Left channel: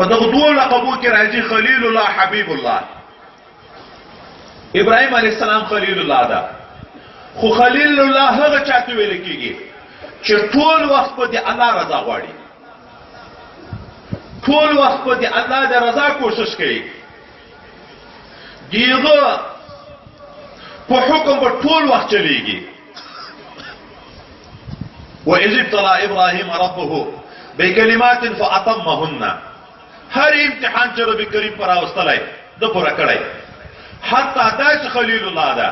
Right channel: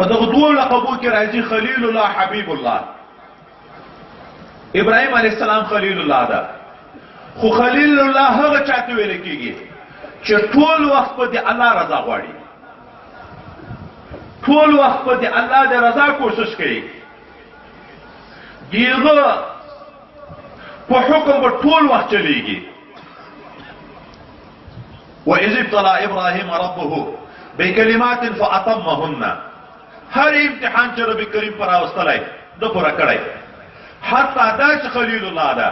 په دغه دوه لقبو کې راځي خلیل الله حبیب الله. ابراهیم علیه السلام خلیل الله ده، خو خلیل الله هغه چاته ویل کېږي چې ټول وخت په دې الله رضا غواړي، ټول وخت په دې الله د رضا کوشش کوي، دیغه په حکم په ټول وخت چلیږي. وإذ ابتلى إبراهيم ربه بكلمات فأتمهن، هر امتحان چې رب کریم پر راوستلی د پوره کړی. حتی دا چې خلیل الله ده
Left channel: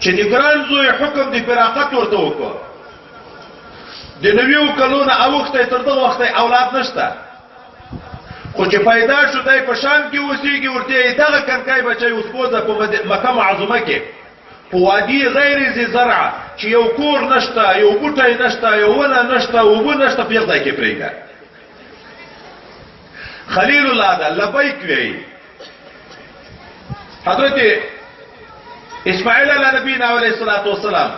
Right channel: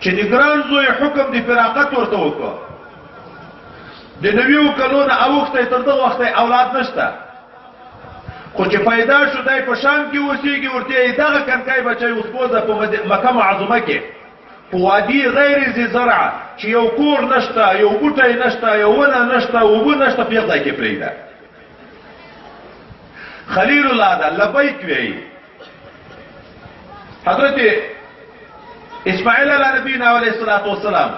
چې د ګران زوی حکم د فراقت ورته وکړ، د 90 کلونو اوښتی تر دغه وخته اولاد نشته، خو چې پیدا شو دی په شام کې اوسېږي، ورته یې دغه کنکای بچی اوس بوځه په مکه معظمه کې په وادي غیر ذي زرع چې یو کور نشته، یو بوټی نشته، یو ونه نشته، اوبه نشته، په یو ځای کې پرېږده. خلیل الله ده لبیک وایي. حضرت اسماعیل علیه نبینا علیه الصلاة والسلام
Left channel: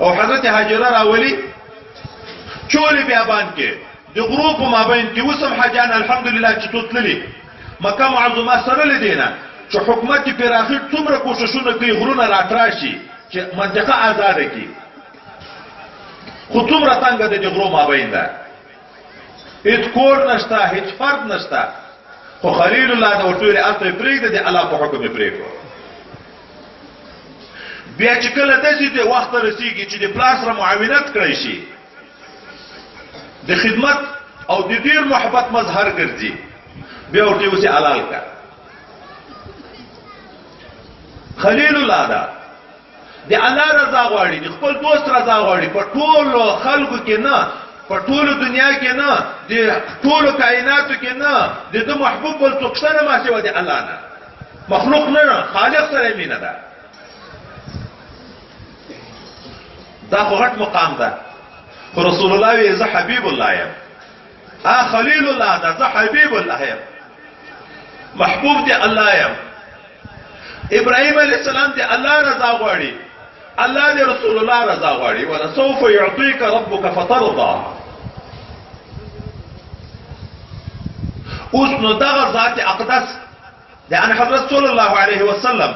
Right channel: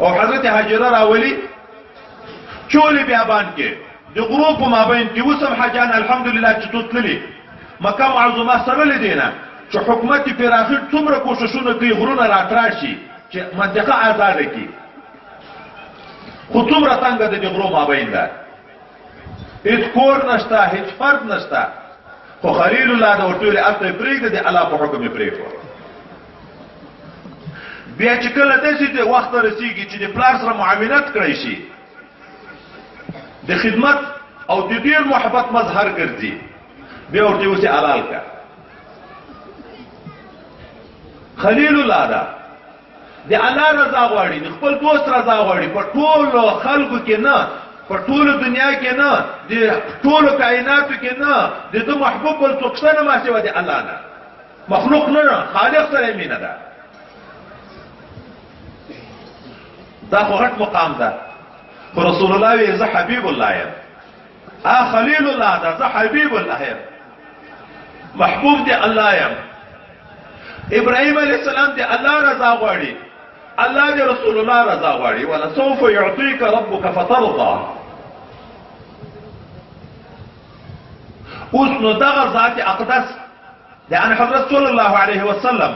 او حضرت هاجره راولي چولې بیابان کې د غرو په مابین کې اوسم حاجان الحمدلله چې تللي مکه معظمه سره لیدینه چې حکومت پراخي څومره کوششونه کوي غرونه راتراشي چې منطقه آزاده کړي، خو څومره څنګه د غرو مابین ده، هیڅ کور نشته، هیڅ فرد نشته، خو خلیل الله د ورته اته پرېږده د الله په حکم یې پرېښود. بیا چې کله داسې د وخت رسېږي چې د پلار سره معاونت کړی شي، د خدمت او د ډېر محبت مظهر ګرځي، بیا ورته اوسې حلال کا. خلیل الله ده د الله رضا غواړي، د خپل دوست رضا غواړي، په ټولو خلکو کې نه، په ټولو دنیا کې نه، د ټولو کائناتو کې نه، د ده محبوب بل څوک شته نه ما سوا د الله نه، مخلوق نه، خالق سره مینه ده. دا خو غټ مقام ده، خو رسول الله وی زه حبیب الله یم، خلیل الله ده، زه حبیب الله یم، محبوب دی الله یم. ابراهیم علیه السلام دی الله رضا غواړي، الله دی رسول الله رضا غواړي. ولسوف يعطيك ربك فترضى. اوس نو دغه ذات اقدس د ان حضرت صلی الله علیه وسلم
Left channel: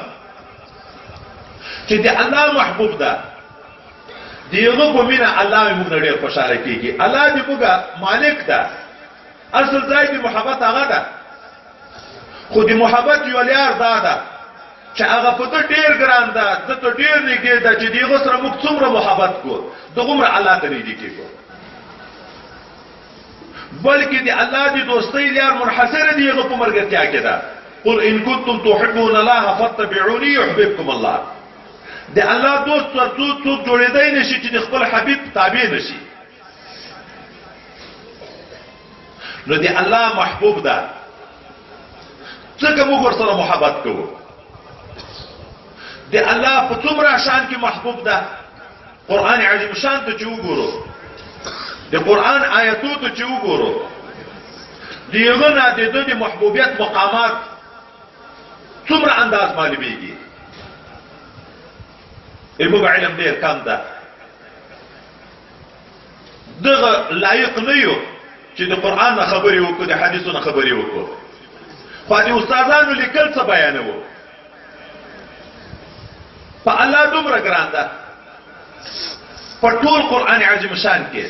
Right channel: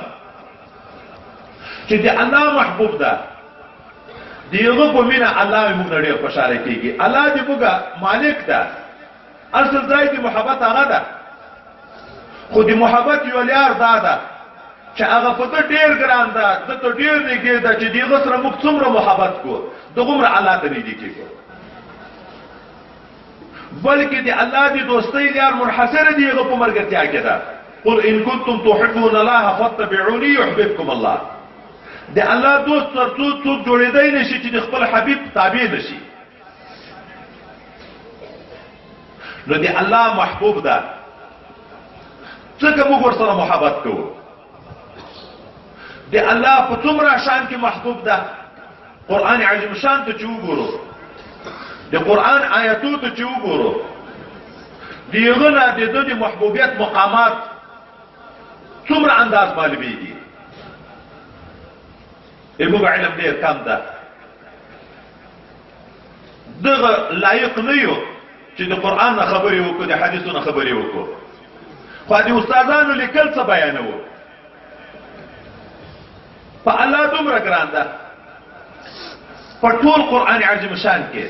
چې دی الله محبوب ده، دیغه په مینا الله موږ ډېر خوشاله کیږي. الله دې موږ مالک ده، اصل ځای دی محبت هغه ده، خو دی محبت یو لار ده چې هغه په ته ډېر ګران ده، د ته ډېر نږدې ده چې دیغه سره موږ څومره محبت کوو دغومره الله ته نږدې کېږو. بلکې د الله د دوستۍ لار منحصره دیغه په ملګرتیا کې ده. قل ان کنتم تحبون الله فاتبعوني يحببكم الله. د الله دوست څوک جوړېدای نشي چې د خپل حبیب تابع نشي. نو د الله محبوب ده، څنګه موږ ورسره محبت کوو. د الله په څومره شان کې محبوب ده، قرآن عظیم شان ته چې وګورو، د قرآن آیاتو ته چې وګورو، دغه نه د دوی محبوبیت مقامات څومره انداز معلومیږي. موږ علم ډېر کم ده، دغه لایق نه یو چې د قرآن نه خبرې وکړو، د حدیثو نه خبرې وکړو، خو د استادانو لیکل څه بیانوو. په الله دومره ګران ده، په ټول قرآن عظیم شان کې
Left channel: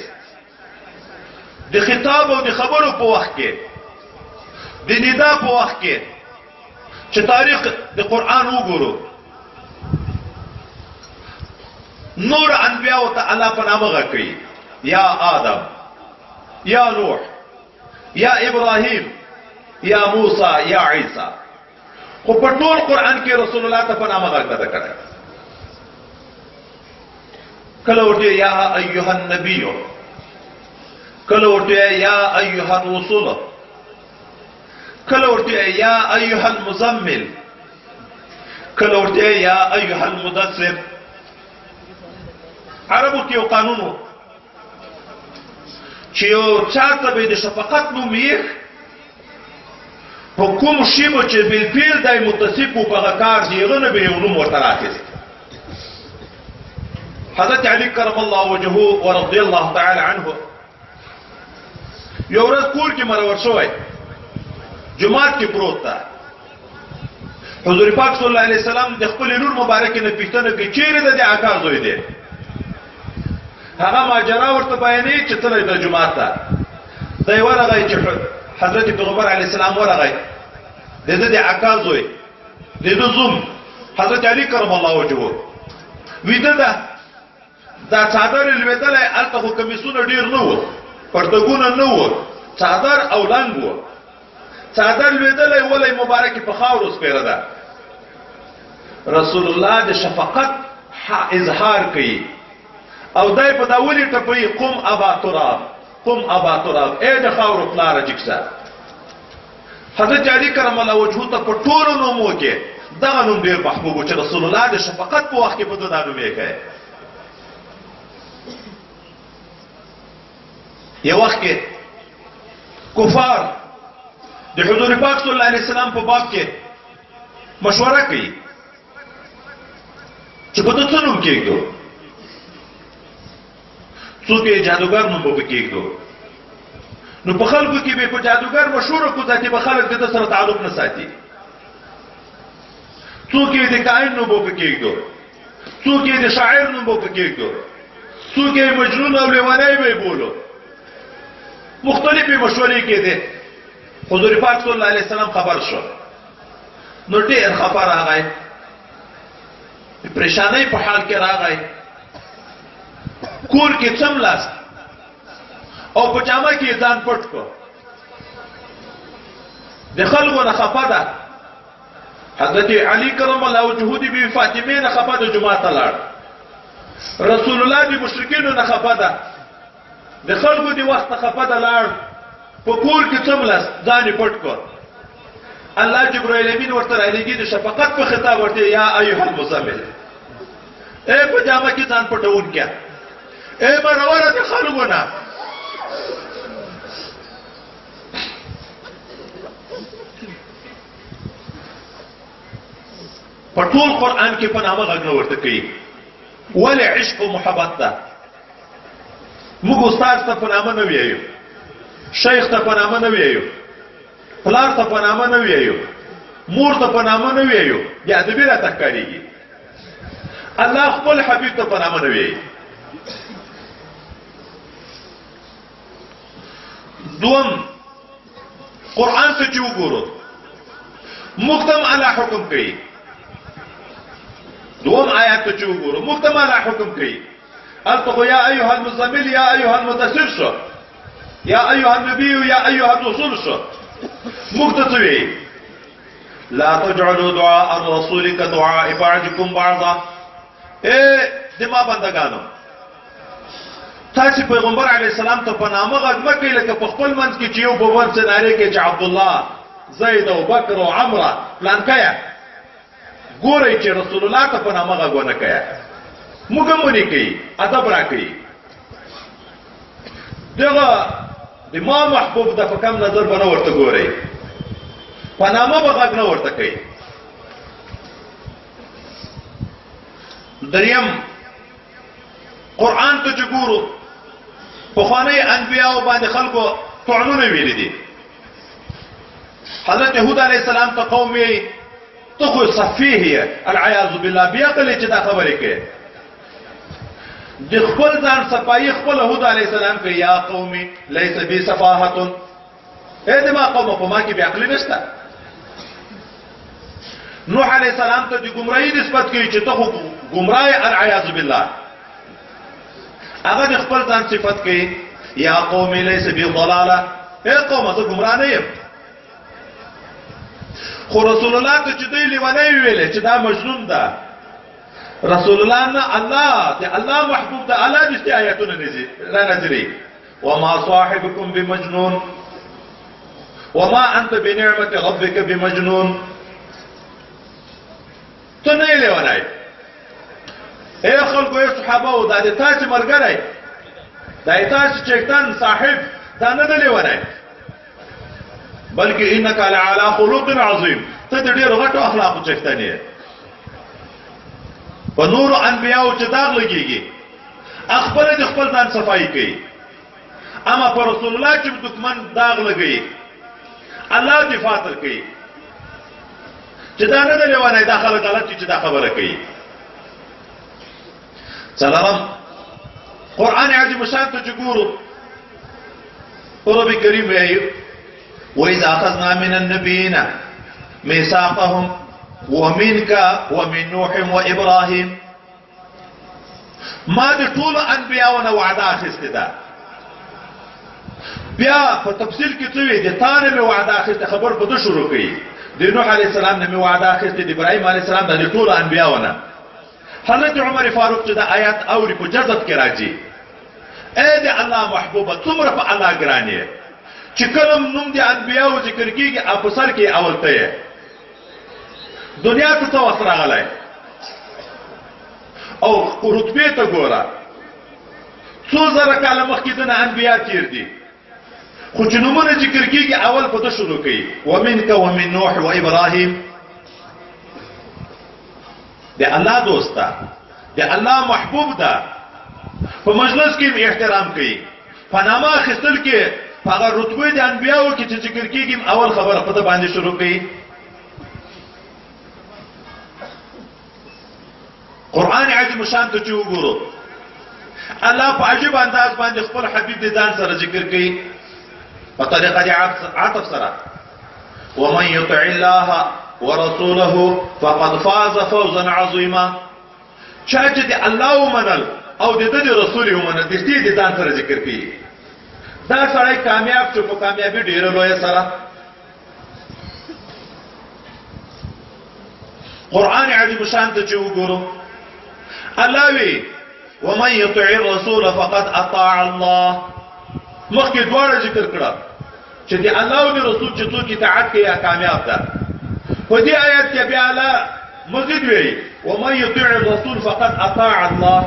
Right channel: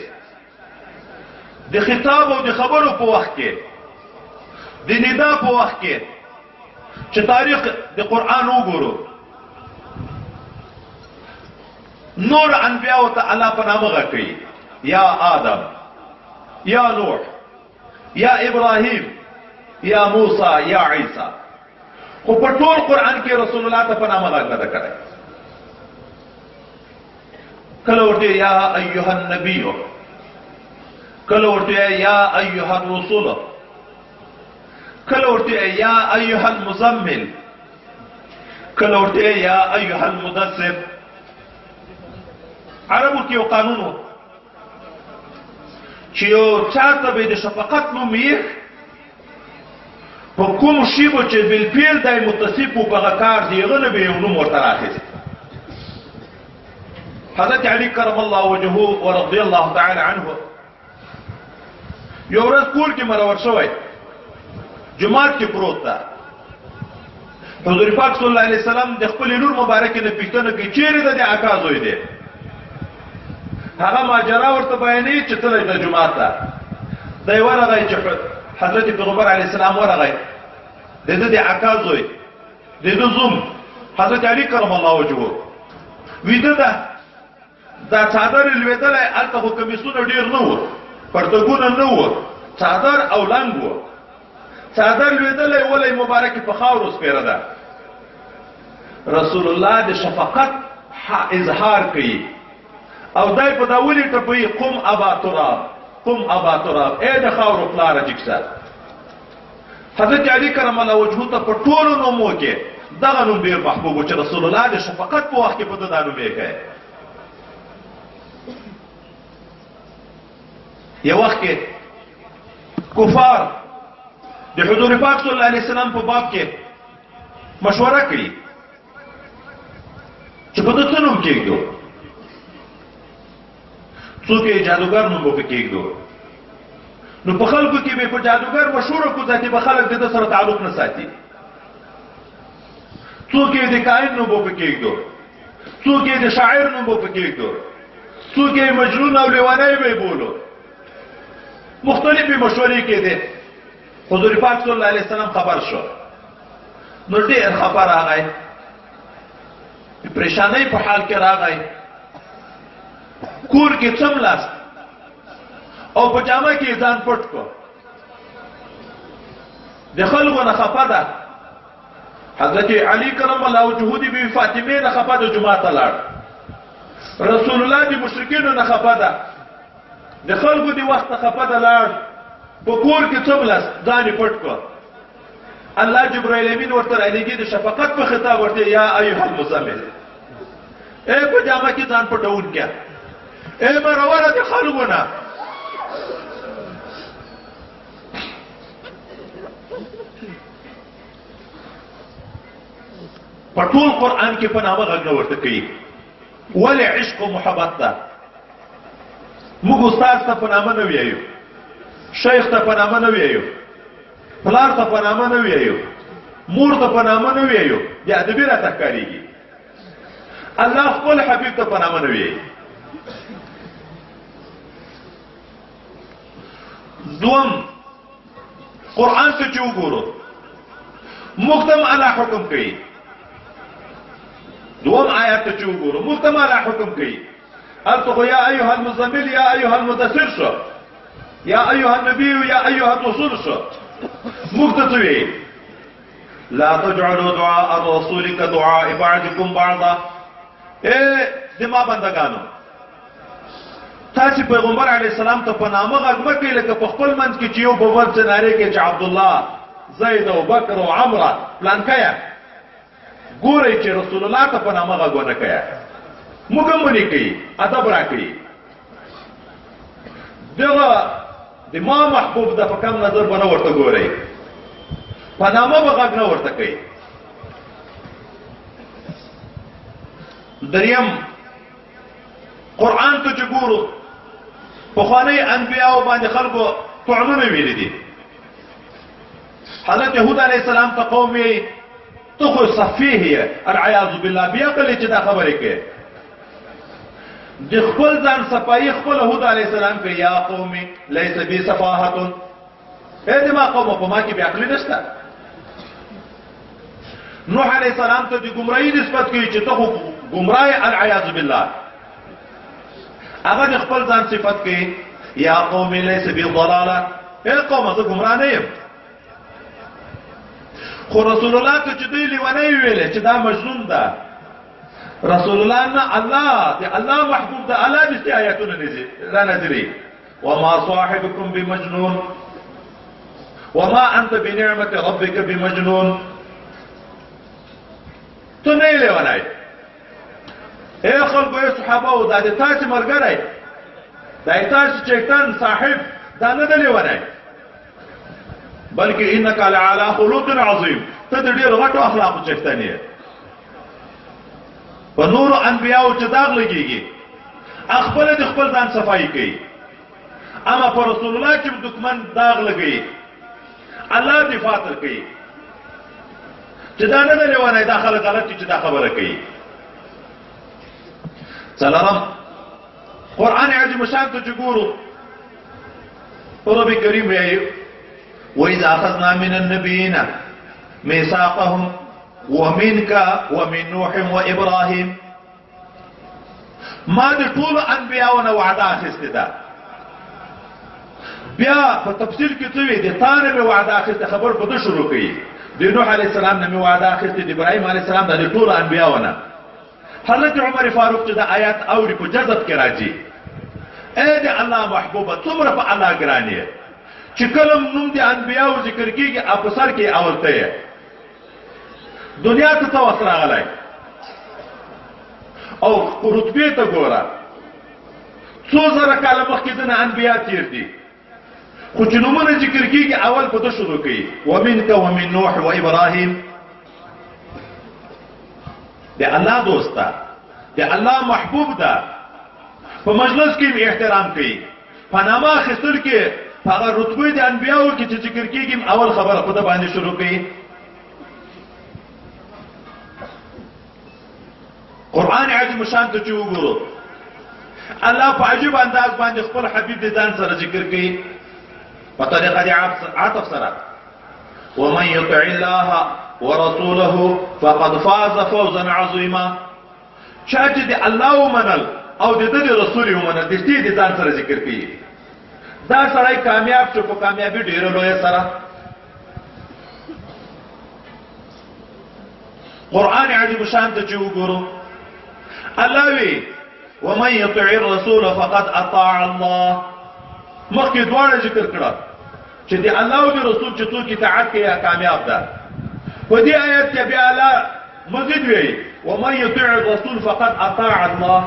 د خطاب او د خبرو په وخت کې، د ندا په وخت کې چې تاریخ د قرآن وګورو، نور انبیاء ته الله په نامه غږ کوي، یا آدم، یا نوح، یا ابراهیم، یا موسی، یا عیسی، خو په ټول قرآن کې رسول الله ته په نامه غږ نه کړی. کله ورته یا ایها النبی، کله ورته یا ایها الرسول، کله ورته یا ایها المزمل، کله ورته یا ایها المدثر. عربو کې یو قانون و چې یو چاته به د شفقت نوم یې په کوم شی به چې بالفعل دی متصف و په هغه کار د هغه نه به یو نوم ورته راخیست. حضرت علی کرم الله وجهه ورضی الله تعالی عنه یو ورځ کور کې مرور شوی جماعت کې پروت ده حضور پاک صلی الله علیه وسلم د خپل لور مبارک نه پوښتنه کوي چیرې د اکا زوی دی هغه ماجرا ورته بیانې چې تللی د جماعت ته دی ورغی چې حضرت پیغمبر علیه السلام ورغی د اکا زوی د زوم حضرت علی کرم الله وجهه ویده ده دا څادر لوېدلی هلته خو کمیسونه ډېر نه وو پرتګونه نه وو څادر او لنګ وو څادر لوېدلی ولی مبارکې په خاورو سپېره ده رسول الله د شفقت اظهار کوي او دای په دا ولې ټپوي قم ابا تراب قم ابا تراب ای د خاورو پلاره جګسه حضرت علی کرم الله وجهه ته په ټولو نومو کې دغه نوم ډېر محبوب و چې رسول الله د شفقت په وخت کې په ده دا نوم یې کوي یو وخت کې کفار د حضور پاک صلی الله علیه وسلم په باب کې مشوره کوي چې په ده څه نوم کېږدو څوک یې جادوګر نوم به کېږدو نو په خلکو کې به په جادوګر مشهوره کو ځکه به خلک د ده سره تعلق نه ساتي څوک یې د کاهن نوم به کېږدو څوک یې د شاعر نوم به کېږدو څوک یې مجنون او لیونی به بولو مختلفې مشورې کېدې حضور پاک صلی الله علیه وسلم خبر شو نو ډېر خفه راغی پریشانۍ په حال کې راغی کور کې څملاست او په جامه کې ځان پټ کړ د خلکو نه خفه ده حضرت علی کرم الله وجهه د بی فاطمه نه خفه ده جمعه ته لاړ رسول الله د مشرکینو نه خفه ده د خلکو د وخت خفه ده لاړ په کور کې څملاست ځان یې پټ کړ الله جبرائیل امین ورته رالیږي د شفقت په خطاب ورته یا ایها المزمل اے په جامه کې ځان پټونکیا اے مرور د خلکو نه په ټول قرآن کې په نامه غږ نه ورته کوي ولې عشق او محبت ده موږ استاد ته په نامه نه ویایو شیخ ته په نامه نه ویایو پلار ته په نامه نه ویایو مور ته په نامه نه ویایو یا ادبي راته ښکارېږي الله خپل حبیب ته په نامه نه ویایي دوم قرآن ته چې وګورو موږ ته الله حکم کوي دوم آیات ته چې وګورو موږ ته الله حکم کوي هلته یا ایها المزمل یا ایها المدثر شو یا ایها النبی یا ایها الرسول شو موږ ته څه وایي لا تجعلوا دعاء الرسول كدعاء بعضكم بعضا اے زما بندگانو تاسو پیغمبر علیه السلام ته په نامه غږ مه کوئ لکه په خپل منځ کې چې یو په بل څه نارې کوي چې عبدالله زید او بکر او عمره پلانکیه ګورئ چې رسول الله ته په نامه غږ ونه کوئ موږ هم ونې کوي ادب راکړي دغه د ما محبوب د په کم نظر به نه ورته ګورئ په نامه به غږ نه ورته کوي دریم قرآن ته چې ګورو پخواني انبیاو باندې خلکو طعنونه ویلي دي حضرت یهود علیه السلام ته قوم یې ته خو سفیه یې العیاذ بالله بیعقل چې دا خبرې کوي د خپل ځان صفایي خپل یهود علیه السلام کوي یا قومي لیس بی سفاهة ای د ما قومه په ما کې بیعقلي نشته نوح علیه السلام ته د ګمراهي نسبت کوي چې ته خو ګمراه العیاذ بالله هغه د خپل ځان صفت کوي یا قوم لیس بی ضلاله ای قومه زه ګمراه نه یم خو رسول الله ته چې دوی لیونی ویلې چې دا مجنون ده رسول الله نه الله محبوب ده الله دې آیاتونه را نازلې وما صاحبكم بمجنون وما انت بنعمه ربك بمجنون ته نه لیونی اے خلکو اے صحابه او دا د تاسو مرګره دا تاسو چیتن صاحب دا نه دی لیونی بلکې انک علی خلق عظیم ته د ډېر غټو اخلاقو چیتن یې په نور انبیاء چې داغ لګيږي خپل د خپل ځان صفائی کوي اما پر رسول الله چې دښمن داغ لګي الله دفاع تر کوي چې دا نه دی لیوانه دا خلک غلط چې دا خبره کوي. څلورم قرآن عظیم شان ته چې ګورو رب کریم وایي وإذا أخذنا من النبيين ميثاقهم ومنك ومن نوح وإبراهيم ما د ټول انبیاءونه وعده اخیسته ده. بیا په تفصیل کې څه وی دي تانه به وعده اخیسته خبر په شروع کړي د نوح علیه السلام نه وعده اخیسته د ابراهیم علیه السلام د ټول انبیاءونه. حضرت عمر فاروق چې د آیات اوري په جذب کې راځي اے د الله محبوبه څومره په الله ګرانې چې کلم نوم د انبیاءو ذکر کیږي اپ سر کې اولته دنیا ته څه وسره غلای او رتبه ته ګوره څو زره کاله مخکې د انبیا تیر دي خو چې نومونه ذکر کیږي اول په ده شروع کوي ومنک ومن نوح و ابراهیم. د الله دوسته د الله محبوب ده په مجلس کې احترام کوي په نامه اخیستل کې هغه رتبه د انبیاو کې چې ذکر کیږي اول خبره په ده باندې شروع کوي. قرآن عظیم شان ته چې وګورو الله په عجیب انداز باندې خپل حبیب د ځان سره ذکر کوي په طریقه د عطف سره ومن یطع الله ورسوله فقد فاز فوزا عظیما. چا چې د الله ومنل او د دې رسول ومنل د دې د ځان سره ذکر کوي دا سړی کامیاب شو په کامیابی ډیره لویه سره. قرآن عظیم شان ته چې وګورو الله وی ومن يطع الرسول فقد اطاع الله. مخکې دواړه ذکر کړه چې د الله او د رسول چې څوک اطاعت کوي کامیاب ده. په دې آیت کې بیا الله مزید وی ومن يطع الرسول فقد اطاع الله.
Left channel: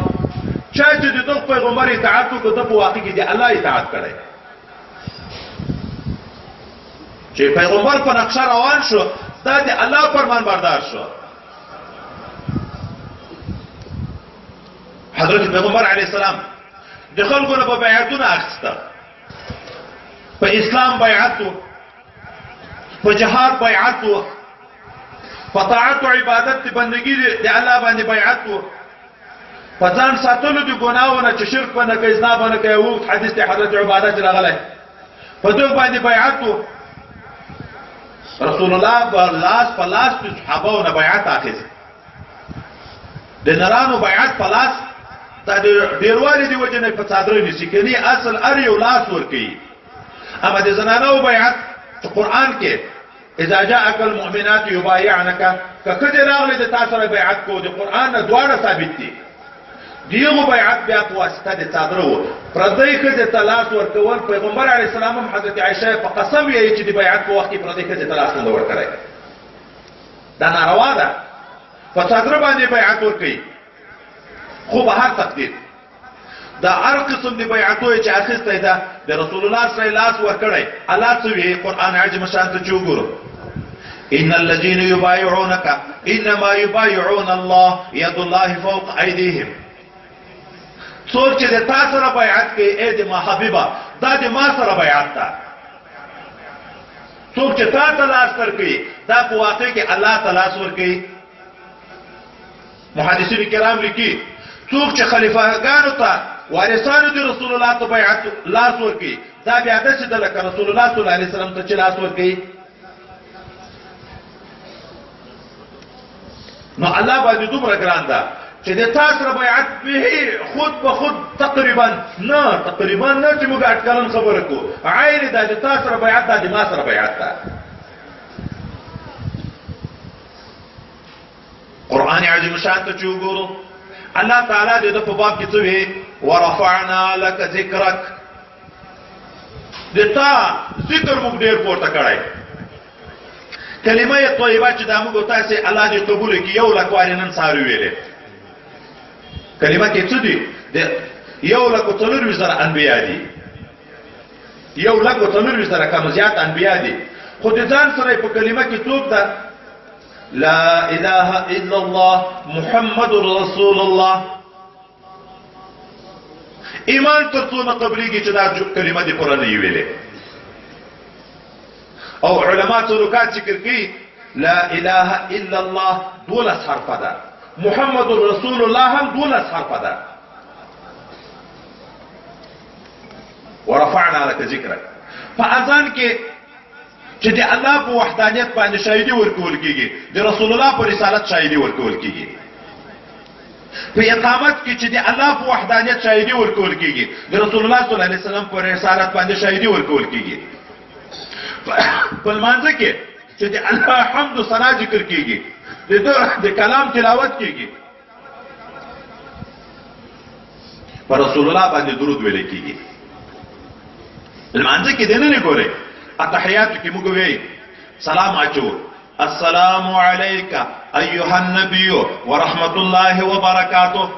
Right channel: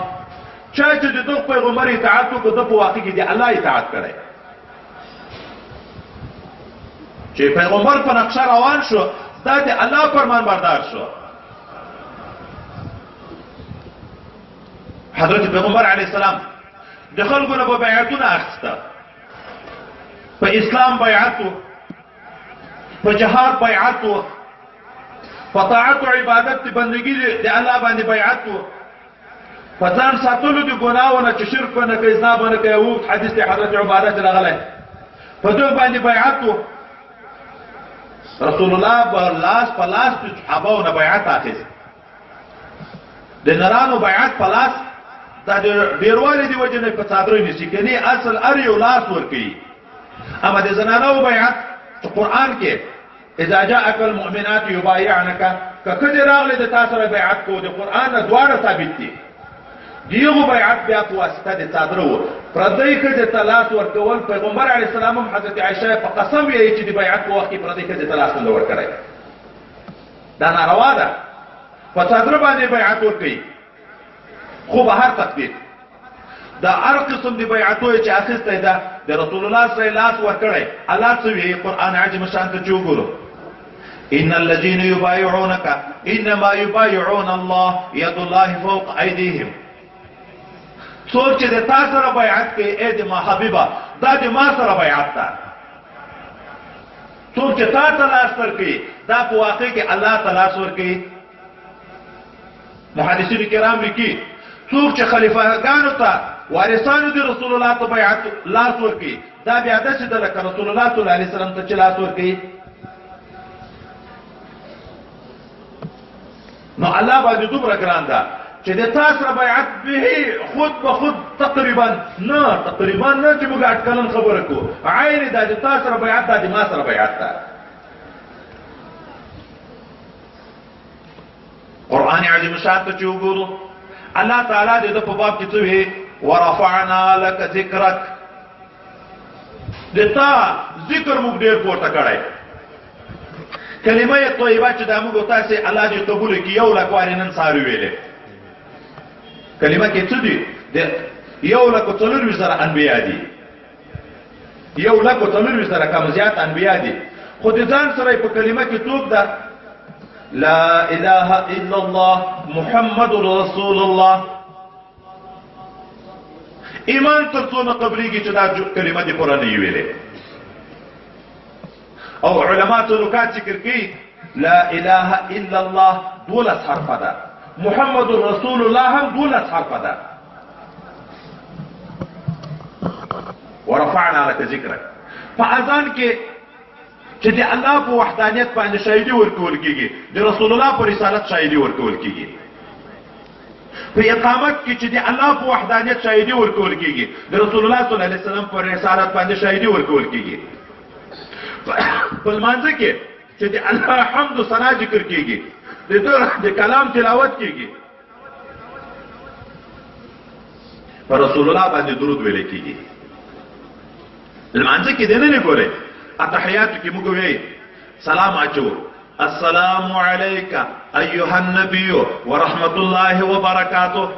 چا چې د دغه پیغمبر اطاعت وکړي د په واقع کې د الله اطاعت کړي چې پیغمبر په نقشه روان شو دا د الله فرمان بردار شو. حضرت پیغمبر علیه السلام د خلکو نه په بیعتونه اخیسته په اسلام بیعت و په جهاد بیعت و په طاعت او عبادت بندگی د الله باندې بیعت و په ځان ساتلو د ګناهونو چې شرک نه کوي زنا باندې کوي او حدیث د حضرت عبادت راغلی په دغه باندې بیعت و رسول الله په لاس د صحابهونو بیعت اخیست د نرانو بیعت په لاس دا ډیروالي دی وجه نه په صادره نشي کني اصل ار یو لاس ور کوي. اما د زنانو بیعت چې قران کې اذا جاءك المؤمنات يبايعنك ککه راغله د تاسو سره بیعت کو د قران نه دواړه ثابت دي. دیغه بیعت بیا په واسطه د صادره و پردای کې د طلاق ورکول پیغمبر علی السلام هم حضرت عائشه په قسم یې چې د بیعت په وخت کې پردای کې د طلاق نه ورکړای دا ناروا ده. په صادره باندې بیعت ورکړي خو به هر تقدیر دا هر قسم دی بیعتو چې اخیسته ده د رسول الله صلی الله علیه وسلم ورکړي. الله سوی قرآن عظیم شان ته چوغورو ان الذين يبايعونك انما يبايعون الله يد الله فوق ايديهم. څوک چې د تاسو سره بیعت کوي اې د ما حبیبه دا د ما سره بیعت ده. څوک چې تاسو لاس ورکړي دا په واقع کې الله تعالی ورکړي. محدثین کرام لیکي څوک چې خلیفګانو ته وارثانو دي رسول الله ته بیعت لاس ورکړي دا بیا داسې ده لکه رسول الله صلی الله علیه وسلم ته چې لاس ورکړي. نو الله باندې دومره ګران ده چې د تاسو سره بیعت به خود به خود تقریبا نه چې موږ اټکلن خبره کوو عین دا د تاسو سره بیعت ده د ما سره بیعت ده. قرآن عظیم شان ته چې وګورو الله تعالی د په باب کې څه وی ورفعنا لك ذکرک د تا ذکر موږ ډیر پورته کړی. کلمه طیبه چې دا موږ تاسو الله دې قبول کړي یو لک واري نن ساري ویلې کلمه کې څه دي د یو لک څلور زره انبیا دي یو لک څلور زره کم زیات انبیا دي خو د ځان سره په کلمه کې څوک ده لا اله الا الله محمد رسول الله. ایمان تر څو نه قبليږي چې دا کلمه دې پوره نه ویلې. او علما څو نکات ذکر کوي. لا اله الا الله 12 حرف ده، محمد رسول الله هم 12 حرف ده. ورفعنا لك ذکرک. په اذان کې چې د الله په وحدانیت باندې شاهدي ورکول کیږي، د رسول الله په رسالت شاهدي ورکول کیږي. په اقامت کې چې د الله په وحدانیت شاهدي ورکول کیږي، د رسول الله صلی الله علیه وسلم په رسالت باندې شاهدي ورکول کیږي. په لمانځه کې چې د الله حمد او ثنا ذکر کیږي، د کلام تلاوت کیږي، پر رسول الله باندې درود ویل کیږي. لمانځه کې دنه نه ګوره اتحیات کې موږ وی سلام اچو السلام علیک ایها النبی ورحمت الله وبرکاته.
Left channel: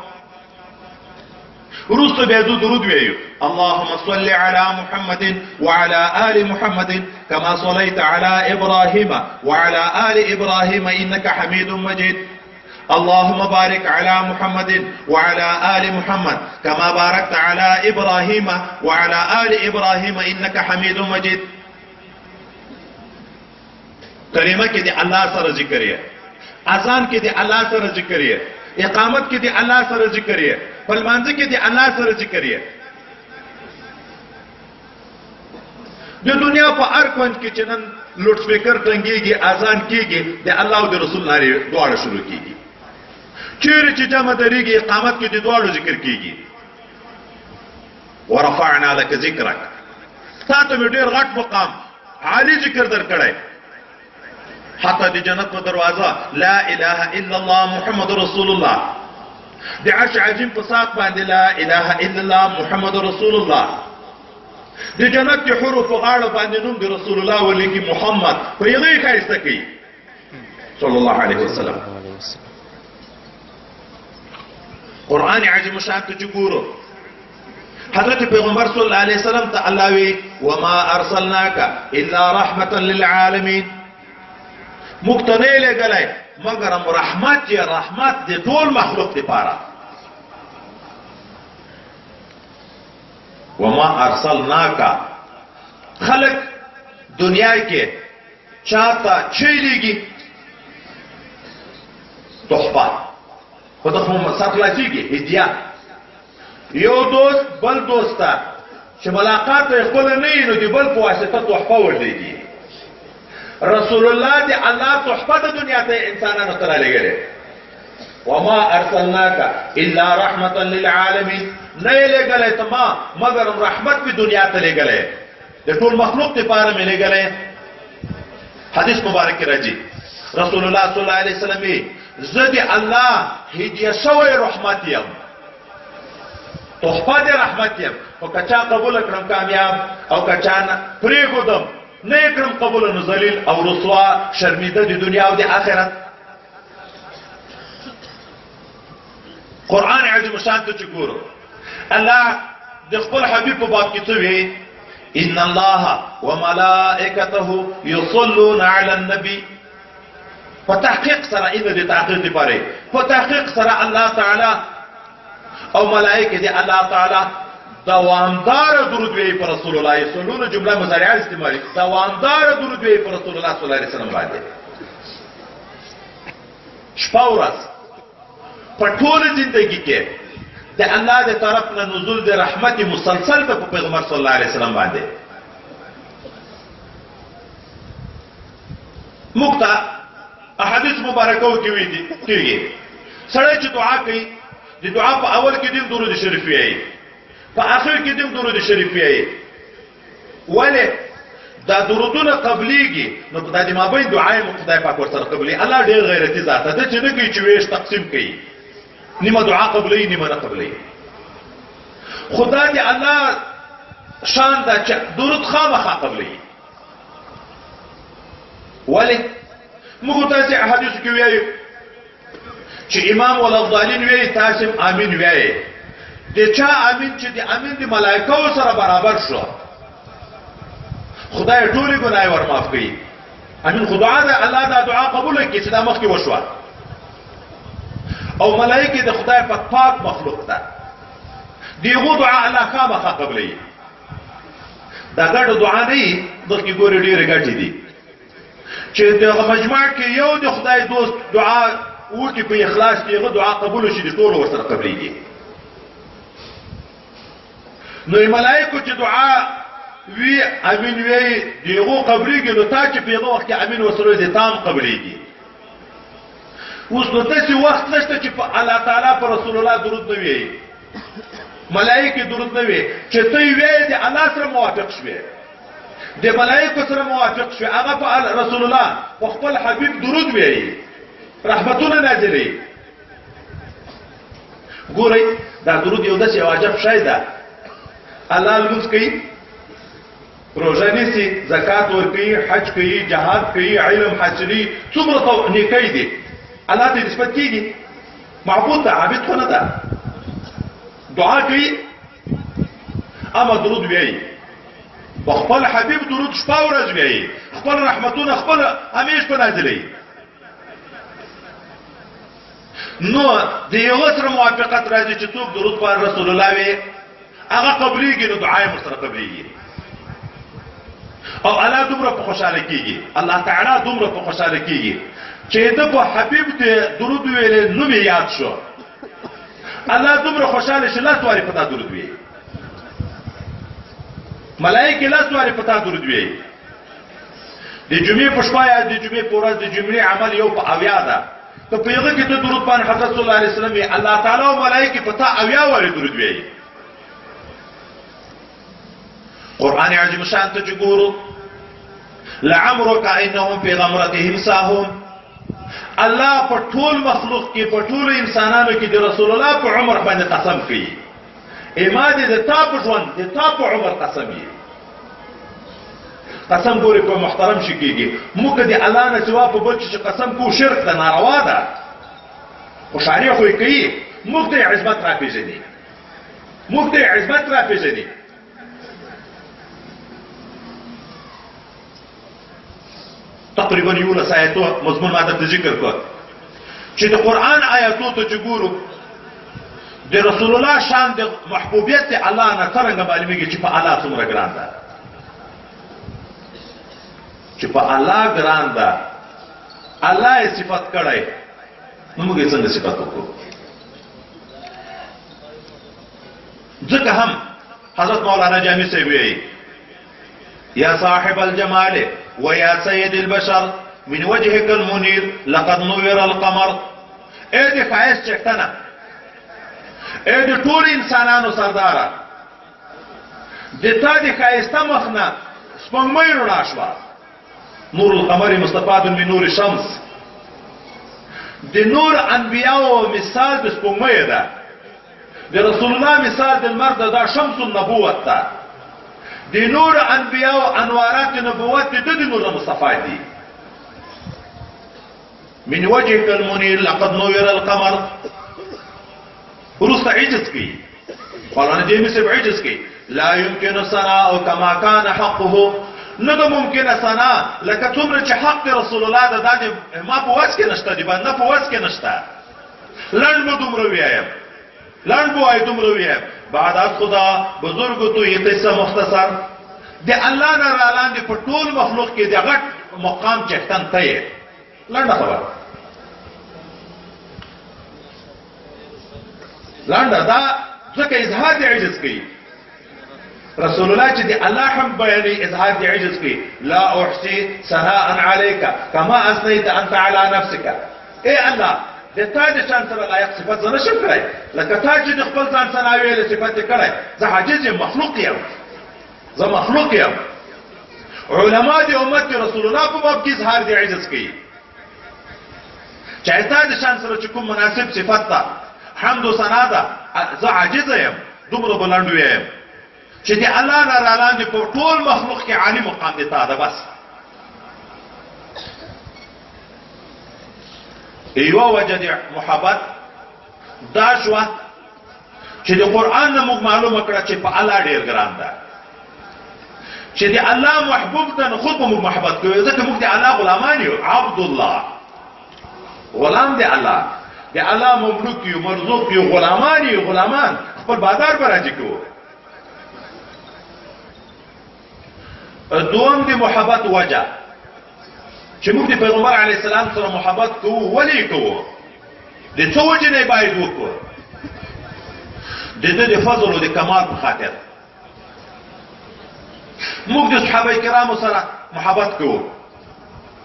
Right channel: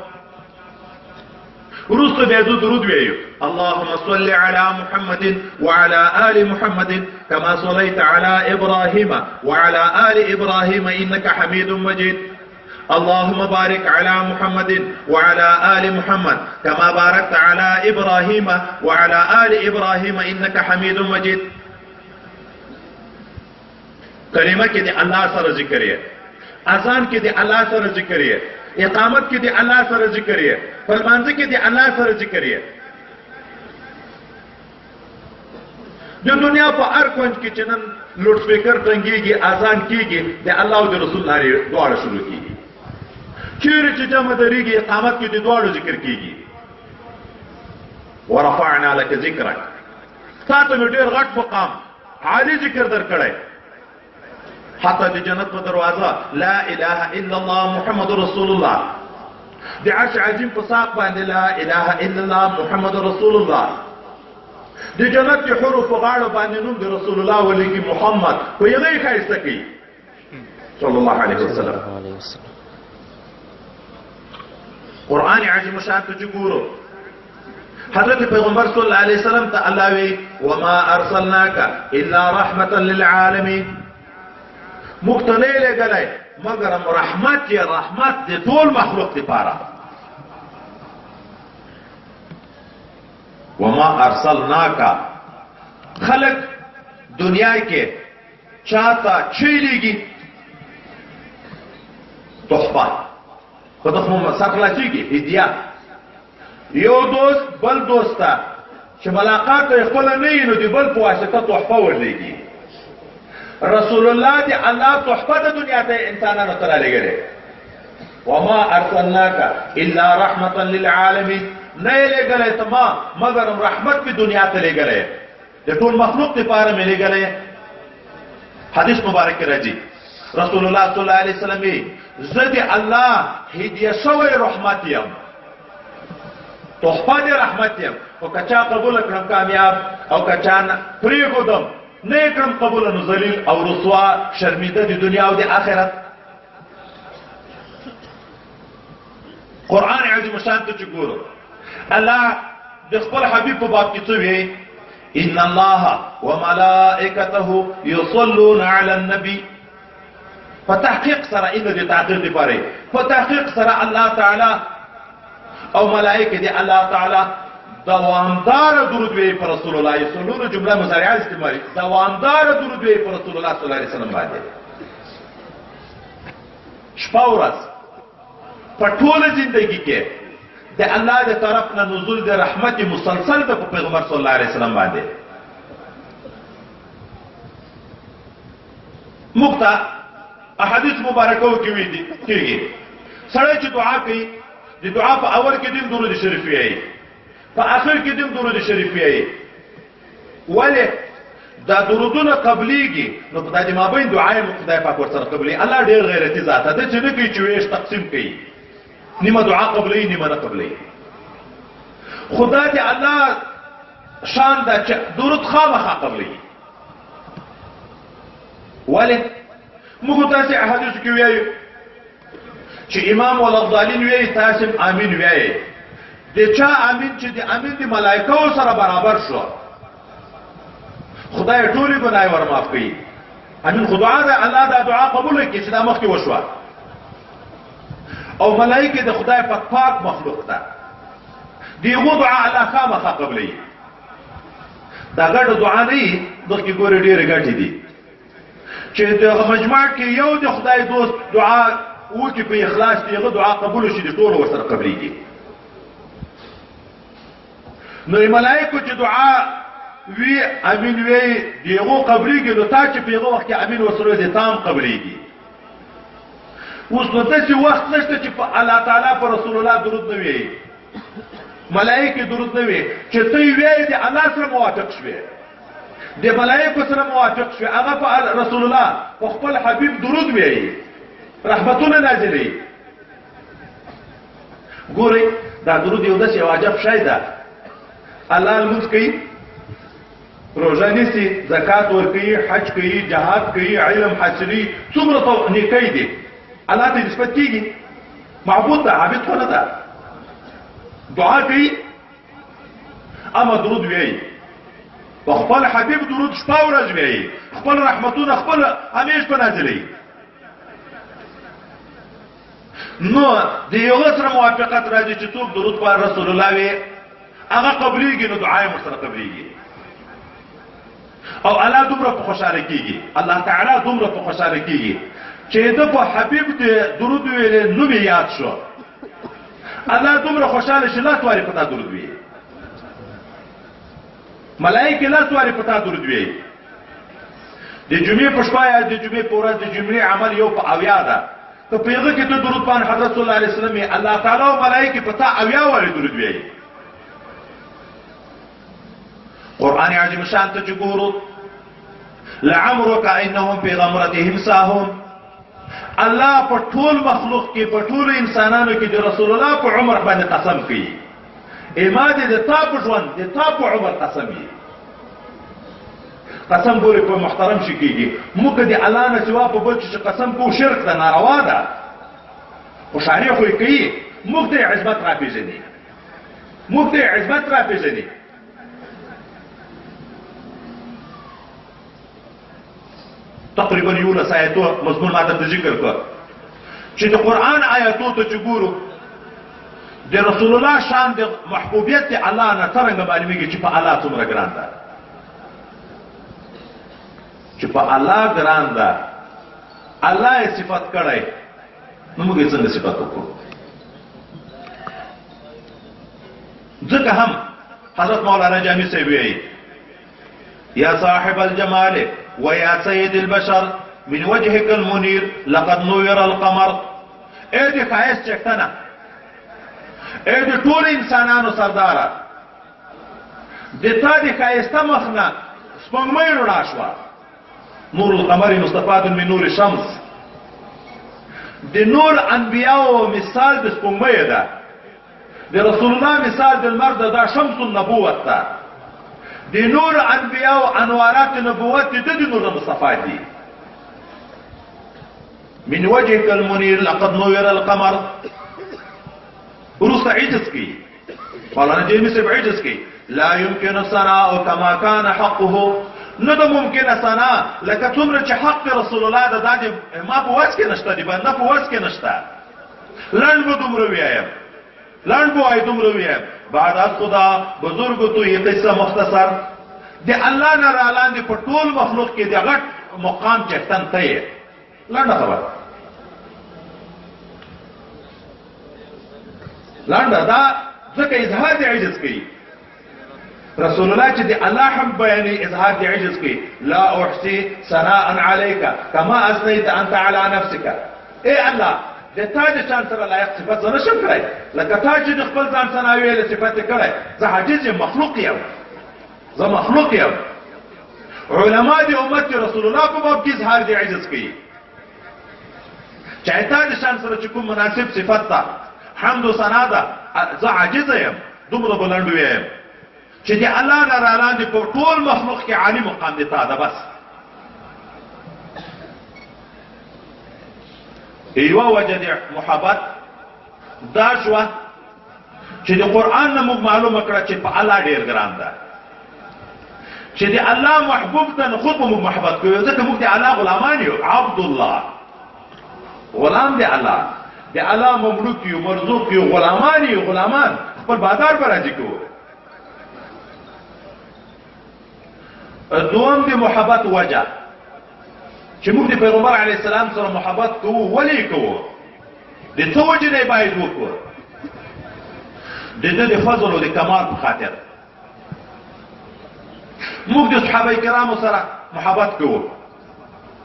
ورسته به درود ویو اللهم صل على محمد وعلى آل محمد كما صليت على إبراهيم وعلى آل إبراهيم إنك حميد مجيد. اللهم بارك على محمد وعلى آل محمد كما باركت على إبراهيم وعلى آل إبراهيم إنك حميد مجيد. کلمه کې د الله سره ذکر یې، اذان کې د الله سره ذکر یې، اقامت کې د الله سره ذکر یې، په لمانځه کې د الله سره ذکر یې. د دنیا په هر کونج کې چې نن لوډ سپیکر ټنګېږي، اذان کېږي، د الله او د رسول نارې دواړه شروع کېږي. چیرې چې جمع درېږي اقامت کې د دواړو ذکر کېږي. ورفعنا لك ذکرک. تا ته مې ډېر غټ مقام عالي ذکر درکړی. حتی د جنت په دروازه لا اله الا الله محمد رسول الله، د عرش عظیم په ساق باندې لا اله الا الله محمد رسول الله، د جنت د حروف په غاړه باندې نوم د رسول الله ولیکي محمد په یغې ښایسته کوي صلی الله علیه وسلم. قرآن عظیم شان ته چې ګورو حضرت پیغمبر صلی الله علیه وسلم ته الله وی وما ارسلناک الا رحمتا للعالمین. مقتنی لګلای مگر رحمت یا رحمت د ټول مخلوق لپاره. وما ارسلناک خلق دنیا کې چاته چیلېږي تحفه په دغه سر خلاصېږي هدیه. یو دوست بل دوسته چې ملاقات یې خپل نه وي نو د بل په واسطه تحفه ورلېږي. رسول الله دی الله تحفه د دنیا ته انسانانو ته رالیږلې. وما ارسلناک الا رحمتا للعالمین. نه یې لېږلی ته ما مګر رحمت په دنیا ته لېږلی، د ټول مخلوق لپاره مې لېږلی. حدیث مبارک کې راځي رسول الله صلی الله علیه وسلم زه د الله هدیه شوی رحمت یم، تحفه د رحمت یم. خو که چا قبول کړم کامیاب، او که چا پرېښودم نه یې کړم قبول نو ذلیل او رسوا شرمیده د دنیا او د آخرت. قرآن عظیم شان ته چې ګورو الله د خپل حبیب په باب کې څه وایي ان الله وملائکته یصلون علی النبی. په تحقیق سره ان د تحقیق لپاره په تحقیق سره الله تعالی او ملائکه دی الله تعالی دوامدار درود وی پر رسول الله یصلون جمله مضارعه استعمالي دوامدار درود وی پر رسول الله صلی الله علیه وسلم باندې. شپه ورځ په ټول ژوندۍ کې د الله د طرف نه نزول د رحمت مسلسل په پیغمبر صلی الله علیه وسلم باندې. مقطع احادیث مبارکه کې وی دي کېږي سړی چې دعا کوي د دعا په اول کې دیم درود شریف وایي، په اخر کې دیم درود شریف وایي. ولې دا درودونه قبليږي نو په دې مابین دعای مقتدی پاک ورسره قبلي. الله ډېر غیرتی ذات ده چې نه کوي چې ویش تقسیم کوي، نیمه دعا قبلي نیمه نه قبلي. خدا دې الله شان دا چې درود خامخا قبلي. ولې موږ تاسو احادیث کې وایو چې امام والافضلین وایي تاسو امین وایي. د چا امین چې د امین د ملائکو سره برابر شو خدای ټولې ګناه ور معاف کوي. امین خدای دا الله دا دعا قبول کړي چې دا مخکې وشوه. او ملائکه د خدای په پاک مخلوق ده، دیغو دعا الله خامخا قبلوي دا ګډه دعا نه وي دغه ګورې ډېرې ګټې دي چې دغه مجموعه کې یو د خدای دوست دعا وکړي په اخلاص کې هغه دعا قبول شي د ټولو ورسره قبلېږي نو ملائکو چې دعا وی امین وی دیغو قبلېږي نو تا چې په هغه وخت کې امین وسره دې تام قبلېږي اوس نو داسې وخت نشته چې په الله تعالی په رسول الله درود نه وي ملائکه درود نه وي چې ته وی د الله سره موافق شوې د ملائکه سره موافق شوې هغه په رسول الله په خپل حبیب درود وی رحمتونه نازلې ګورئ دا درود یو داسې واجب شی ده الله لمونځ کوي روژه نیسي زکات ورکوي حج کوي جهاد کوي علم حاصلي څومره نیکۍ دي الله ته نسبت کېږي معبود ده عابد خو نه ده دعا کوي اما درود وایي په خپل حبیب درود شپه ورځ وایي خپل رحمتونه خپل همیش په نازلوي نو د یو سره موافقت راځي چې څوک درود پر رسول الله وي هغه قبلېږي نو دعا یې سره قبلېږي او الله دومره په خوشاله کېږي الله تعالی دومره په خوشاله کېږي چې د په حبیب ته درود ویل نو مې یاد شو الله دومره خوشاله شي لاس واري پتا درود وی ملائکه لاس واري پتا درود وی د جمعې په شپه یا د جمعې په ورځ د جمعې عمل یو په اویا ده ته په هغه کې ته درود باندې حضرت صلی الله علیه وسلم الله تعالی او ملائکه پتا اویا واري درود وی قرآن عظیم شان ته چې ګورو لعمرك انهم في غمرتهم ساهون الله په ټول مخلوق کې په ټول انسانانو کې د رسول الله په عمر باندې قسم کوي ایمان دې د تا په ژوند د تا په عمر قسم یې قسم ګوري په محترم شي کېږي موږ دې الله نه سوا په بل چې قسم کو شرک ده ناروا ده خو شریع خو یې کوي موږ دې عظمت را پېژني موږ دې عظمت را پېژني تقریبا یولس آیاتو مضمون ما درته ذکر کړ چې د قرآن آیاتو ته چې ګورو د رسول الله شان د محبوبیت د الله نه څرنګه معلومیږي چې په الله څومره ګران ده چې په الله ګران ده الله یې صفت کړی نو موږ یې څنګه صفت وکړو ځکه هم حضرت مولانا جامی صاحب وایي یا صاحب الجمال ويا سيد البشر من وجهك المنير لقد نور القمر اے دي خواهش چکتنا اے دي طول انسانانو سردارا دي تا دي خواهستا مخنا سپنگمئی رنا شوا نور القمر مستفاد من نور شمس دي نور انبیاء مثال بسپنگمئی دا دي رسول الله مثال دي المرد دا شمس النبوت دا دي نور انبیاء و انوارات نبوت دي نور مصطفى دي من وجهك المنير لقد نور القمر ورست عجز کی قالنا دي نسب عجز کی لا يمكن صناء كما كان حقه ندو ممكن صناء لك تمر حق رسول الله دا دي ما بواسك نشتا دي بنا بواسك نشتا لن بدمر ويايم لن بو اي دمر ويايم بعد از خدا بزرگ تو یہ قصہ مختصر دی اللہ نے رالان دی پٹول مخلوق کی دی غٹ مقام چہتن تیه لانڈا خبر لانڈا دا ذکر اظہار دی عجز کی رسول اللہ چی دی اللہ ہم بیانی اظہار دی عجز کی لا احسی ثناء علیکا کما اثنیت انت علی نفسکا اے اللہ د تا د شان سره لایق صفات زنه شم کړای لکه تا چې د خپل ځان سره ویل صفات کړای زه عاجز مخلوق یم زه مخلوق یم علما د امت رسول الله په باب کې اظهار دی عجز کوي چې تا د شان سره چې کوم مناسب صفات ده حمد و ثنا ده زه عاجز یم دومره بلند یم چې دی الله نه لاندې په ټول مخلوق کې عالی مقام دی تا ده بس ایوه وجه دی محبت دا شوه چې د قرآن نه موږ معلومه کړه چې په الله ډېر ګران ده چې د الله محبوب ته نو خود به موږ محبت کوو ځکه موږ د الله غلامان یو عبد الله غلام دی الله د الله مملوک یو مرزوق یو غلامان یو غلامان خپل بازار به راځي کوو. دوم د محبت وجه چې موږ د پیغمبر علیه السلام سره محبت کوو. ولې کوو؟ د څه وجې نه باید وکړو؟ د ده د فضل او د کمال په خاطر. موږ د صحابه کرامو سره محبت کوو.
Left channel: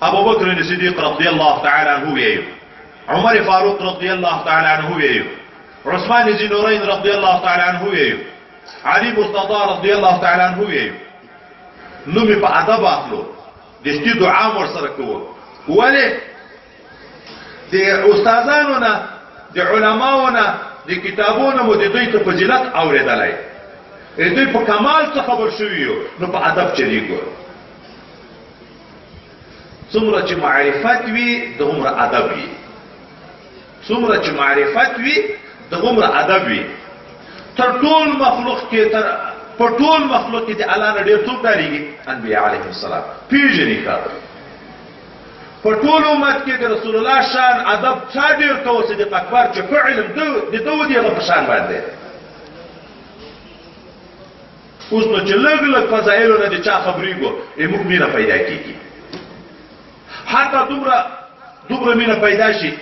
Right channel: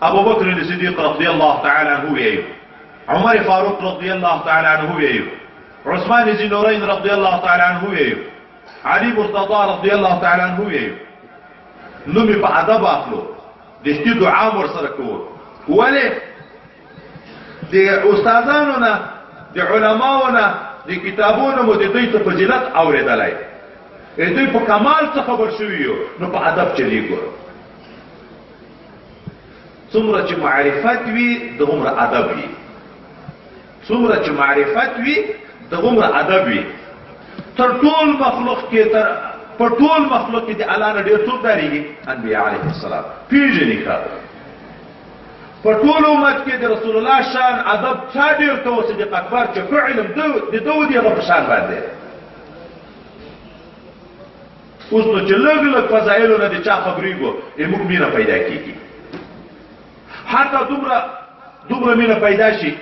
ابو بکر صدیق رضی الله تعالی عنه ویایو، عمر فاروق رضی الله تعالی عنه ویایو، عثمان ذی نورین رضی الله تعالی عنه ویایو، علی مرتضی رضی الله تعالی عنه ویایو. نوم په ادب اخلو، د ستې دعا ورسره کوو. ولې؟ د استادانو نه، د علماو نه، د کتابونو مو د دوی ته فضیلت اورېدلی، دوی په کمال څه خبر شوي یو، نو په ادب چلیږو. څومره چې معرفت وي دغومره ادب وي، څومره چې معرفت وي دغومره ادب وي. تر ټول مخلوق کې په ټول مخلوق کې د الله نه ډېر څوک ډارېږي؟ انبیا علیهم السلام. پېژني ښه په ټول امت کې د رسول الله شان ادب چا ډېر کوو؟ صدیق اکبر چې ښه علم د ده و د هغه په شان باندې. اوس نو چې لږ لږ فضایلو نه د چا خبرېږو موږ مینه پیدا کېږي. حتی دومره مینه پیدا شي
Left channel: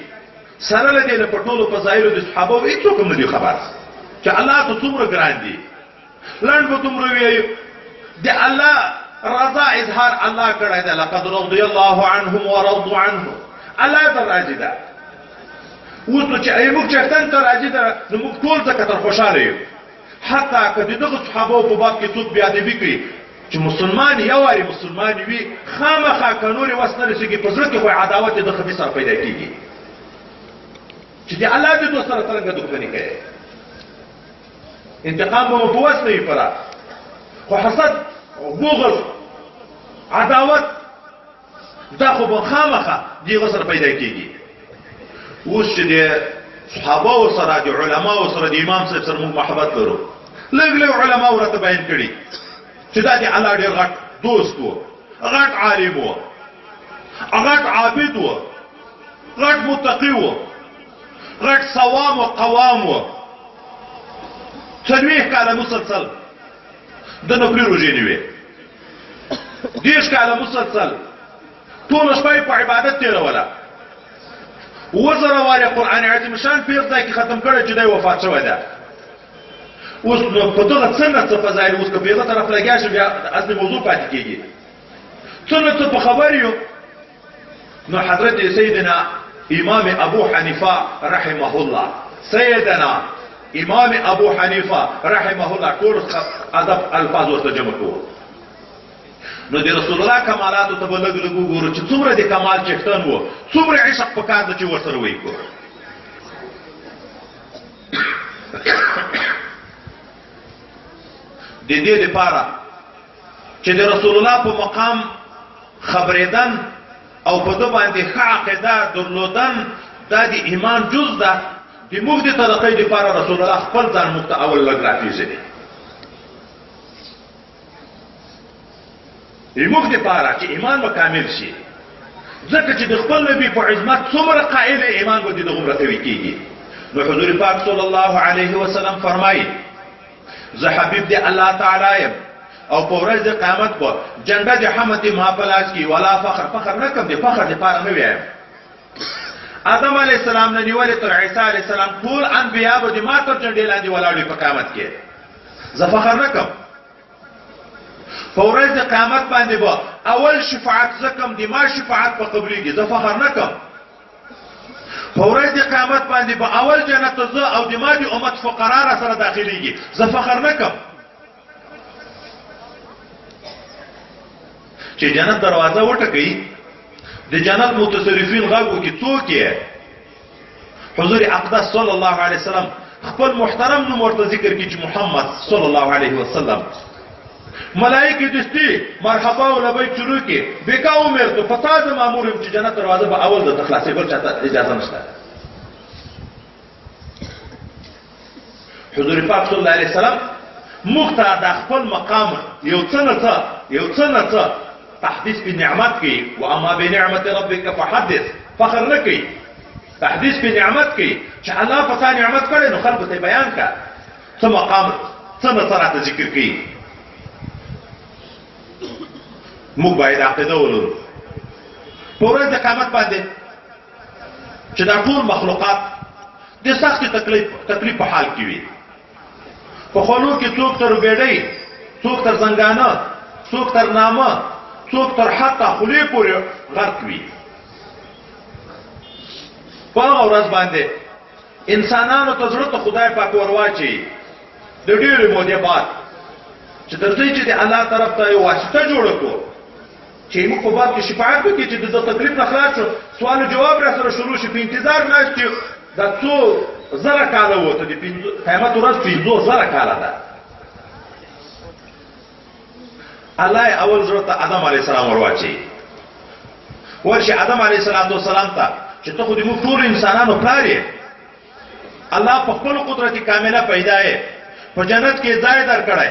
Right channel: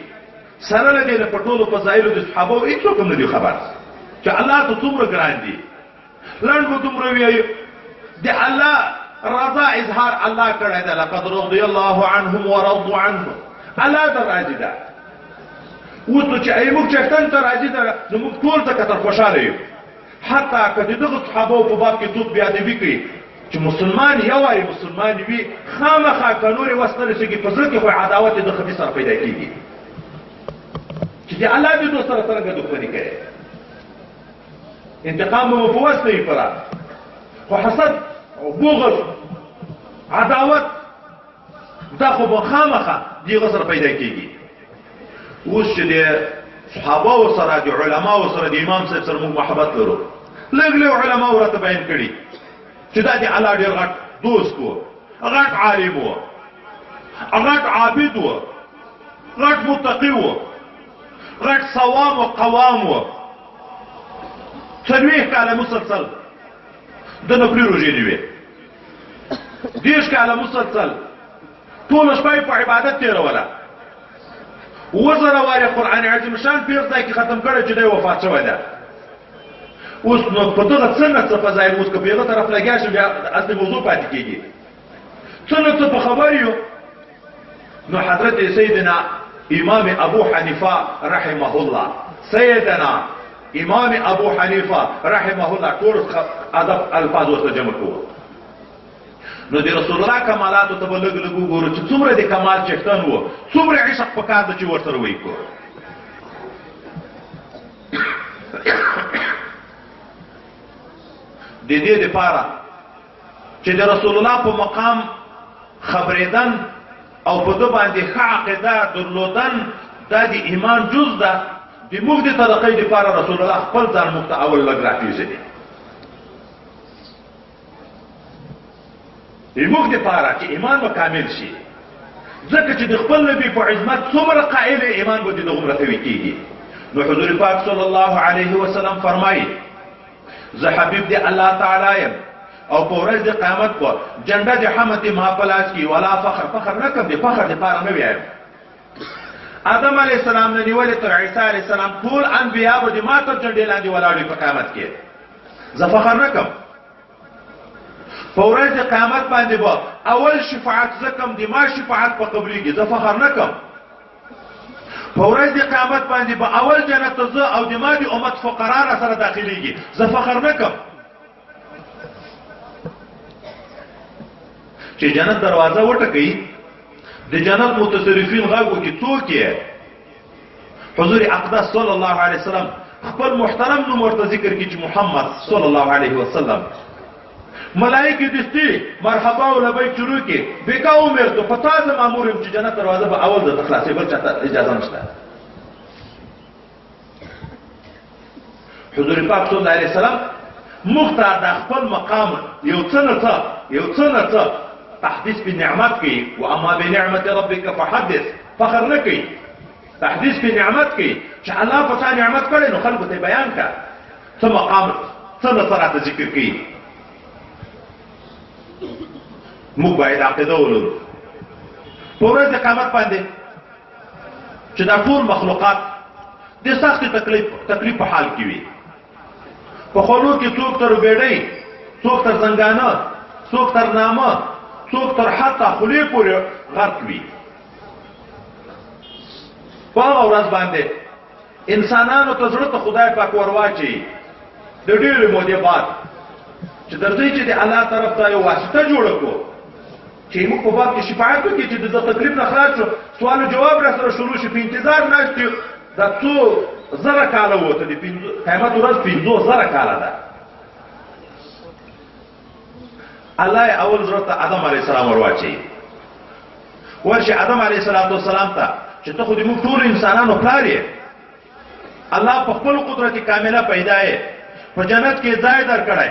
سره له دې نه په ټولو فضایلو د صحابو هېڅوک هم نه دي خبر چې الله ته څومره ګران دي. لنډ به دومره ویایو د الله رضا اظهار الله کړی ده. لقد رضي الله عنهم ورضوا عنه. الله ته راضي ده. اوس نو چې موږ چښتن ته راضي ده نو موږ ټول ځکه تر خوشحاله یو. حتی که د دغو صحابو په باب کې څوک بېادبي کړي چې مسلمان یو وارې مسلمان وي، خامخا که نورې وس نه رسېږي په زړه کې خو عداوت د خدي سره پیدا کېږي چې د الله د دوست سره څرنګه دښمني کوي. انتقام به مو په وس نه وي پوره، خو حسد او بغض عداوت دا خو به خامخا د هغه سره پیدا کېږي. اوس چې د صحابهو سره د علماو سره د امام صاحب سره موږ محبت لرو، لږ لږ علماو راته بیان کړي چې دا د الله ډېر غټ دوست و، غټ عالم و، غټ عابد و، غټ متقي و، غټ صوام و قوام و، 40 کاله مسلسل د نفلي روژې نیوې، 10 کاله مسلسل ټوله شپه یې په عبادت تېروله، 1000 وارې قرآن عظیم شان په یو ځای کې ختم کړی چې دی وفات شوی ده. اوس نو په دغه څه نه څه فضایل اوس که په هغه طرف لګیا شو بیا اصلي موضوع پاتې کېږي. څه نه څه په خبر یو. نو حضرت سیدنا امام ابو حنیفه رحمه الله، سیدنا امام ابو حنیفه رحمه الله ټول ادب الفاظ ورته جمع کوو. نو د رسول الله کمالاتو ته به لږ لږ وګورو چې څومره د کمال چښتن و، څومره عشق په کار ده چې ورسره وکړو. د دې لپاره چې د رسول الله په مقام خبرېدن او په ده باندې ښه عقیده درلودن دا د ایمان جز ده. د موږ د طریقې لپاره رسول الله خپل ځان موږ ته اول لږ راپېژني. د موږ لپاره چې ایمان به کامل شي، ځکه چې د خپل نبي په عظمت څومره قائل ایمان به د هغومره قوي کېږي. نو حضور پاک صلی الله علیه وسلم فرمایي زه حبیب دی الله تعالی یم او په ورځ د قیامت به جنډه د حمد ما په لاس کې ولا فخر نه کوم، د فخر دپاره نه ویم. آدم علیه السلام نه نیولې تر عیسی علیه السلام ټول انبیا به د ما تر جنډې لاندې ولاړ وي په قیامت کې. زه فخر نه کوم. په ورځ د قیامت باندې به اول شفاعت زه کوم، د ما شفاعت په قبلېږي، زه فخر نه کوم. په ورځ د قیامت باندې به اول جنت زه او د ما د امت فقرا را سره داخلېږي، زه فخر نه کوم. چې جنت دروازه وټکوي د جنت متصرفین غږ وکړي څوک یې؟ حضور اقدس صلی الله علیه وسلم خپل محترم نوم ورته ذکر کړي چې محمد صلی الله علیه وسلم. ملائکه دستی مرحبا و لبیک شروع کې بکا عمر تو فساد مامور یم چې جنت دروازه به اول د تخلاصي بل چاته اجازه نشته. حضور پاک صلی الله علیه وسلم موږ ته د خپل مقام یو څه نه څه تحدیث په نعمت کوي. و اما بنعمت ربک فحدث، فخر نه کوي، تحدیث په نعمت کوي چې الله په تا نعمت کړی نو خلکو ته بیان کړه. څه مقام څه نصرات ذکر کوي موږ باید عقیده ولرو په ورځ د قیامت باندې چې دا ټول مخلوقات د سخت تکلیف په حال کې وي په خولو کې څوک تر بیډۍ څوک تر زنګانه څوک تر نامه څوک تر حتی خولې پورې غرق وي په هغه ورځ باندې انسانانو ته زړه ته خدای پاک ورواچي د ډېرې مودې بعد چې درځئ چې د الله طرف ته یو واسطه جوړه کړو چې موږ په باب کې شفاعت وکړي چې د تکلیف نه خلاص شو سوال و جواب را سره شروع شي په انتظار ناست یو دا څو زره کاله وته د قیامت ورځ 500,000 کاله ده الله اول زړه ته آدم علیه السلام ورواچي ورشه آدم علیه السلام ته چې ته خو د موږ ټول انسانانو پلار یې الله په خپل قدرت کامله پیدا یې په جنت کې ځای درکړی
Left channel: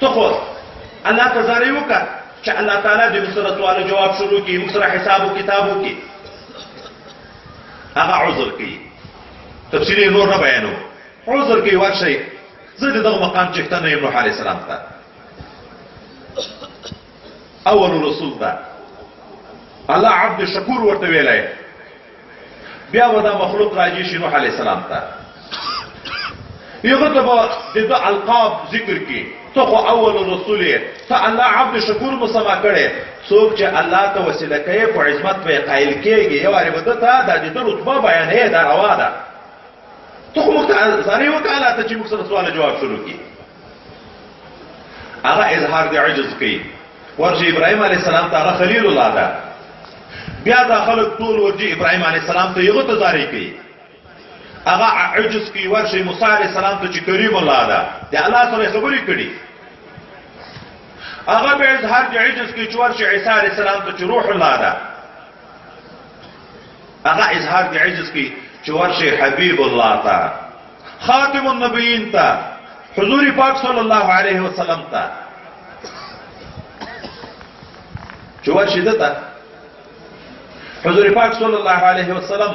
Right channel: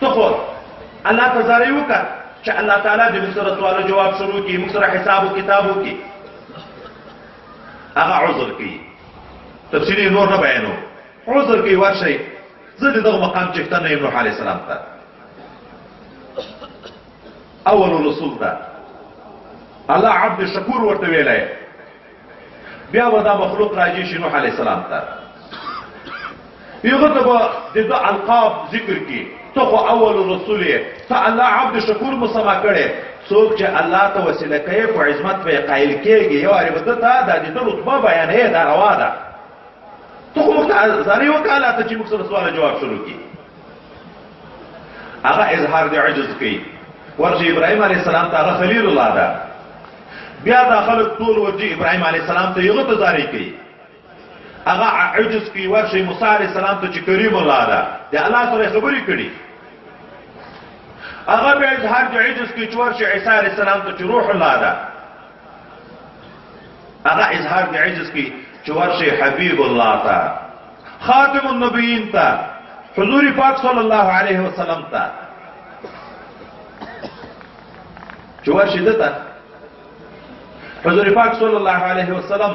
ته خو الله ته زارۍ وکړه چې الله تعالی د سره سوال جواب شروع کړي موږ سره حساب او کتاب وکړي هغه عذر کوي تفصیلی نور نه بیانو عذر کوي ورشي زه دغه مقام چښتنه یم نوح علیه السلام ته اول رسول ده الله عبد شکور ورته ویلی بیا به دا مخلوق راځي شي نوح علیه السلام ته یغه ته به د القاب ذکر کی ته خو اول رسول یې ته الله عبد شکور مسما کړي څوک چې الله ته وسیله کوي په عظمت په قایل کېږي یو اړ بده ته د دې رتبه بیانې دا روا ده ته خو زاري وکاله ته چې موږ سره سوال جواب شروع کی هغه اظهار د عجز کوي ورته ابراهيم عليه السلام ته خلیل الله ده بیا دا خلک ټول ورته ابراهيم عليه السلام ته یو ته زاري کوي هغه عجز کوي ورته موسی عليه السلام ته چې کریم الله ده د الله سره خبرې کړي هغه به اظهار د عجز کوي چې ورته عیسی عليه السلام ته چې روح الله ده هغه اظهار د عجز کوي چې ورته حبيب الله ته خاتم النبیین ته حضور پاک صلی الله علیه وسلم ته چې ورته دته حضور پاک صلی الله علیه وسلم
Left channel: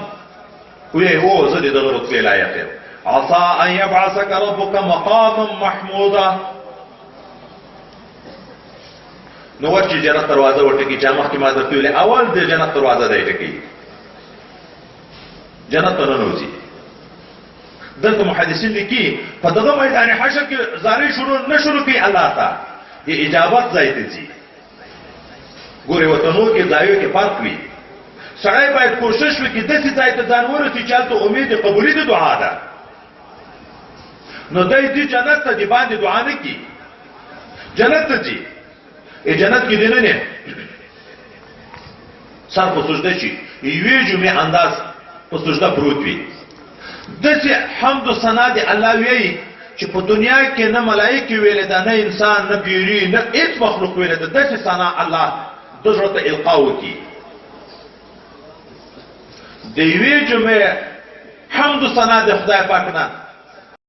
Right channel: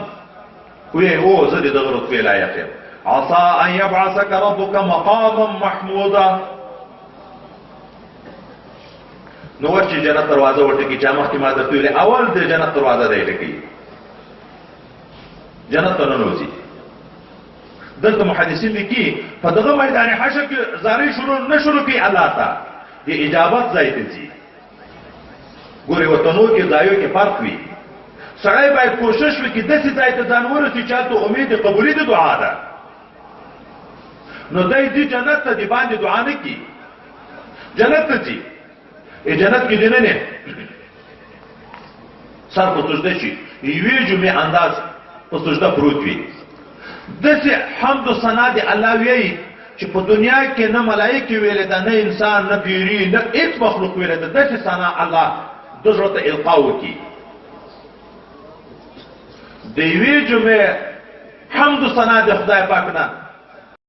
وی هو زه دغه رتبه لایق یم عسى ان يبعثك ربك مقاما محمودا نو ورچې جنت دروازه وټکی چې مخکې ما درته ویلې اول د جنت دروازه دی ټکی جنت ته ننوځي دلته محدثین لیکي په دغه میدان حشر کې زارۍ شروع کوي الله ته د اجابت ځای ته ځي ګورې وطنو کې ځایو کې فرق وي سړی باید کوشش وکړي داسې ځای ته ځان ورسي چې هلته امید د قبولي د دعا ده نو دی دې جنت ته د باندې دعا نه کړي جنت ته ځي جنت کې دننه سر په سجده شي یوې جمعې انداز په سجده پروت وي داسې حمد و ثنا د الله ویي چې په دنیا کې نه ملایکې ویلې ده نه انسان نه پیري نه هېڅ مخلوق ویلې ده داسې ثنا الله د زړه ته القا وکړي د یوې جمعې حمد و ثنا د خدای پاک نه